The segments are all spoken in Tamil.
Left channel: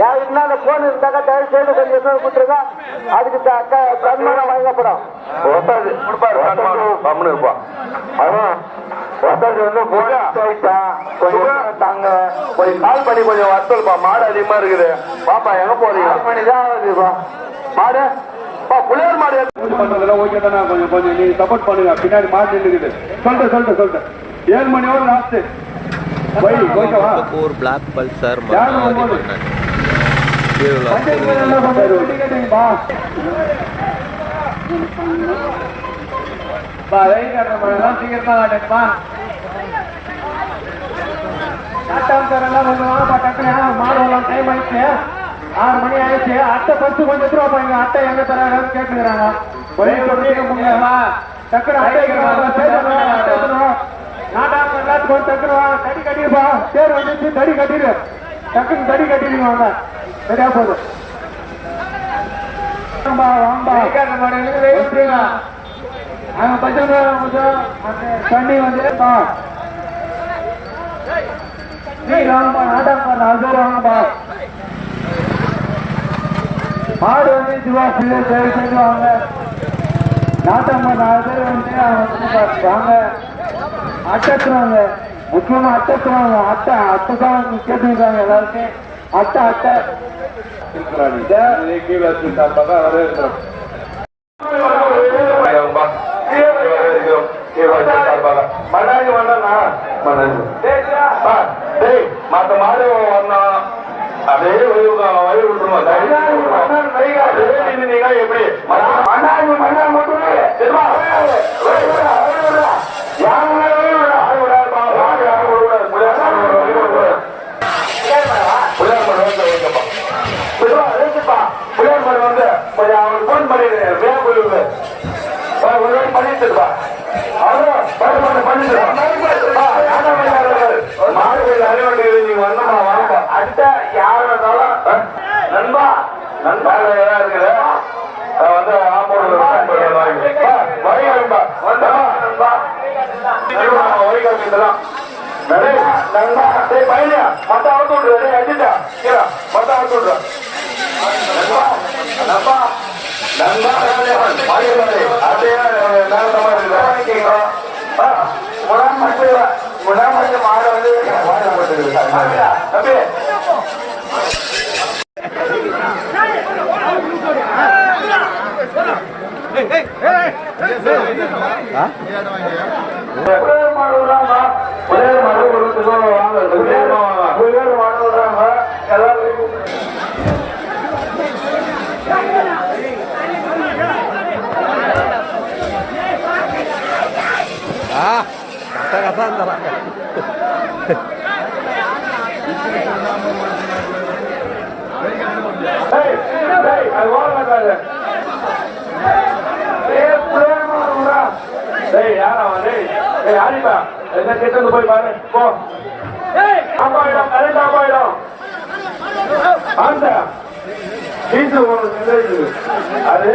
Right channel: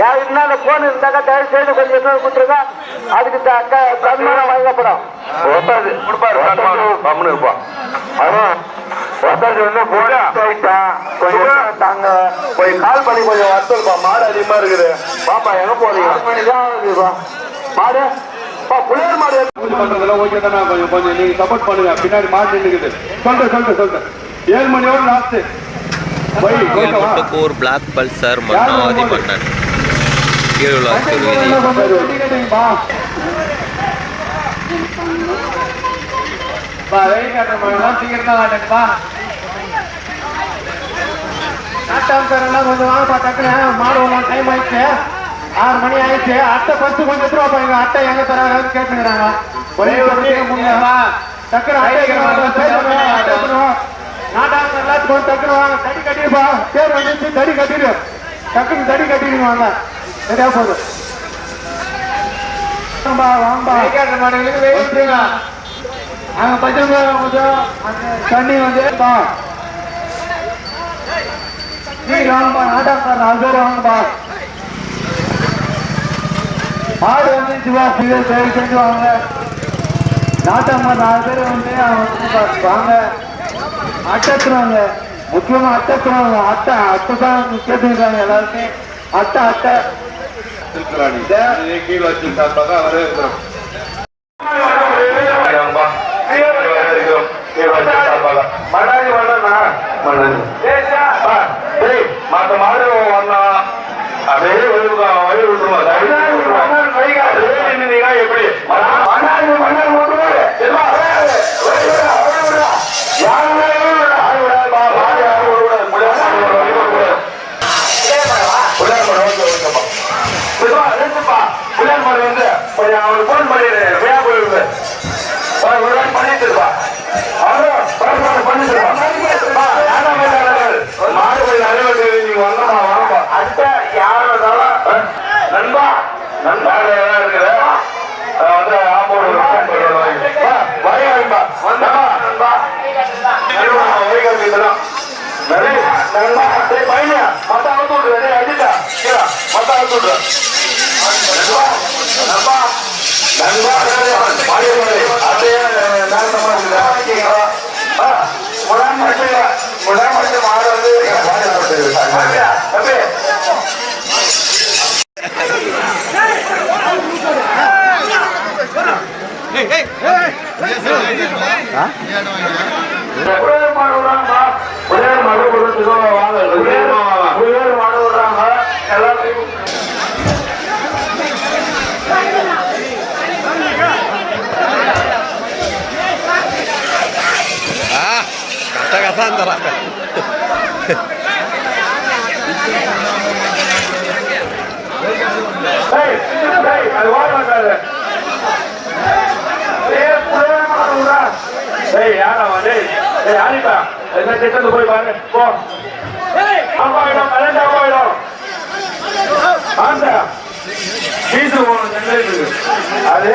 யார் இருந்தா அந்த போன் இருந்தாக்கா தயவு செய்து கொஞ்சம் எதுவும் கொடுத்துருங்க. அதுக்கு சன்மானம் வழங்கப்படும். கொடுப்பாரு கம்முன்னு இருப்பான். அதான் வந்து கொஞ்சம் தாங்க கொஞ்சம் கால் பண்ணி கொஞ்சம் வசூல்ப்பா. மாடு அதிகமா இருக்குது. பாப்பா எங்க போறீங்க? மாடு புள்ளையார் மாடு பண்றதுல ஓகே தானே. கொஞ்சம் கொஞ்சம் நீங்க சப்போர்ட் பண்ணுங்க. பின்னாடி மாடு நின்றுக்குது. சொல்றேன் 7 மணியோட லாஸ்ட். முட்டுக்கூர் பிளாக் பல்சர் மன்னாதி மன்னன் கீழுள்ளார் திருவீதி. கொஞ்சம் வாங்கப்பா டக்குனு. மாடு வரலாம். டைம் ஆயிடுச்சு. 6 மணி ஆயிடுச்சு. அட்டை பத்து கொஞ்சம் எடுத்துருவாப்பா. எங்க அட்டை எங்க தராங்கன்னு கேட்டுக்கிறாங்க. ஒரே டக்குனு நாட்டாங்க எல்லாத்துக்கும் டக்குனு வாங்க. தடி கட்டிருப்பா. பேர் வந்துச்சு. தடி கட்டிடு. டக்குனு தடி கட்டிடுங்க. வாங்க சரியா போதும். தண்ணி வந்து வாங்கப்பா. நாட்டாங்க 4 பேர் வாங்கப்பா. மாடு வந்து செஞ்சு வாங்க. நாட்டாங்க 4 பேர் வந்து வாங்க. அட்டத்துறாங்க. முக்கியமா அட்டத்துறாங்க. அட்டை தான் கேட்டுருக்காங்க எல்லாருமே. அட்டை கீழே வச்சிருக்காங்க. வரவேற்கிறோம். மன்னாடி மன்னனா மற்ற மாடு வரலாம். அப்படியே வழி விட்டுருவோம். எப்படி புள்ளையார் மாடு வந்து கொஞ்சம் அவனுக்கு போன் பண்ணிடு. விழா போயிடுது பண்ணிட்டுருப்பா. மாடு கொஞ்சம் அறிவு நீங்க வந்தோமா வாங்கப்பா. அட்டை யாரும் இருந்தாலும் நண்பா நண்பா இருக்குது. வந்து ஆப்போடு வாங்கிப்பா. வந்தமா நண்பா வழிகளுக்கு பையனியா மொத்தம் அவுத்து விட்டுரு. அடிச்சா மொத்தம் அவுத்து விட்டுரு. நண்பா நண்பா அப்படியே மேலமா இருக்குது. முடாமட்டு மாடு வந்து அப்படியே kata antara போய் பாரு. அது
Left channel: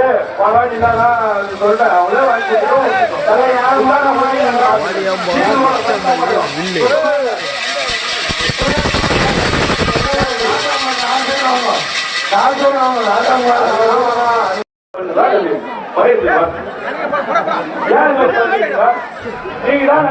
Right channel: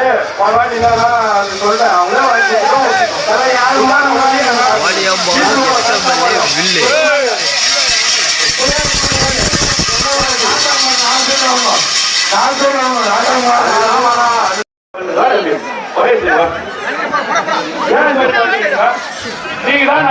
நீங்க தான்